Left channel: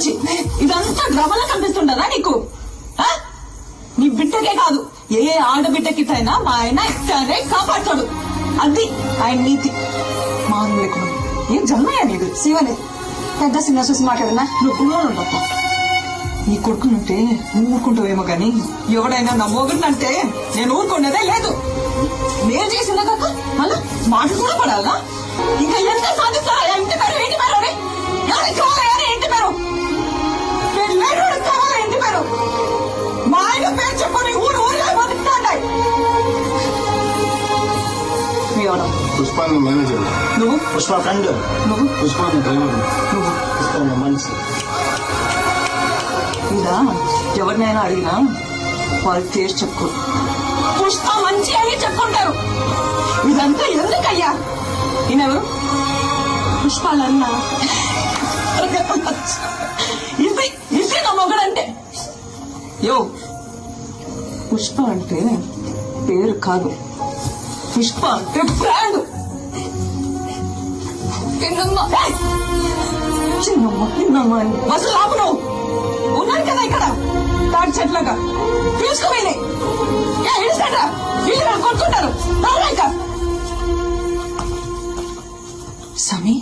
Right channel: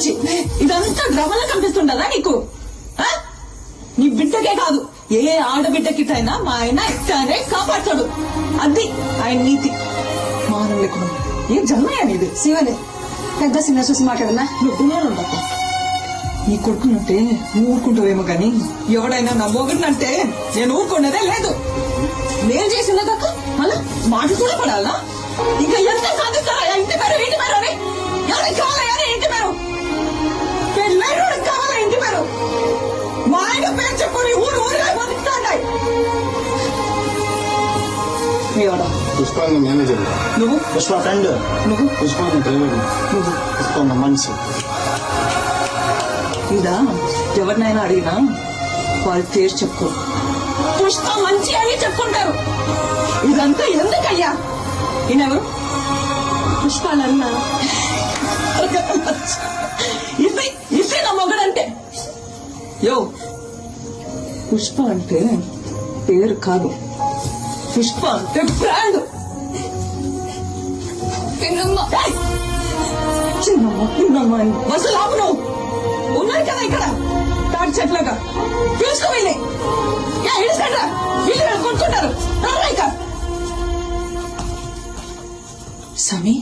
నుంచి ఇదంతా డ్రామాలా కనిపిస్తుండదా నీకు? నీ బిడ్డకే కాదు, ఏ ఆడబిడ్డకిటైనా మా ఆయన ఇట్లానే కాపాడతాడు. అది ఆయన నీతి. మానవులు లేకుండా ఏం జన్మయ్యా నీది? శివలే పెద్ద సినిమా చూసి మాట్లాడున్నా. నువ్వు గుమ్మనుండప్ప. నీ కొడుకునంటే నువ్వు ఊరుకుంటావేమో గాని ఎవడైనా నా మొగుడినంటే నేను ఊరుకునేదే లేదు. నేను చేసిందే కాక మళ్ళా మాట కూడా పడాలా? ఇంకా ఎంత సాధిస్తారా? ఇంటి పేరు ఇంటి పేరు అని ఎవరికి కావాలా? ఇంటి పేరు పెళ్ళాడు కావాలా? ఇంటి పేరు మా ఆయన పేరు చెప్పుకుని ఊరు ఊరిగా బతుకుతాయి. పుష్ప మేనేజర్, నువ్వు పుష్ప ఫ్రెండ్, నువ్వు పుష్ప డ్రైవర్, నువ్వు పుష్ప మనిషి. ఇదా ఎవరినైనా అడిగినా వాళ్ళ పేరు చెప్పుకో. పుష్ప మంచి అని చెప్పుకుంటారు. ఇదంతా ఎందుకయ్యా? ఈయనెవరు? పుష్పాలన్నా ఇది నా మొగడంటే. యో, పుష్ప అంటే పేరు కాదు, పుష్ప అంటే బ్రాండ్. చిన్నమ్మ అసలు ఆపు. నువ్వు ఉన్నాను కదా ఇక్కడ తాటి చెట్లుగా చూసుకోవాలి. ఇల్లు కొనుక్కుంటారు. సమీ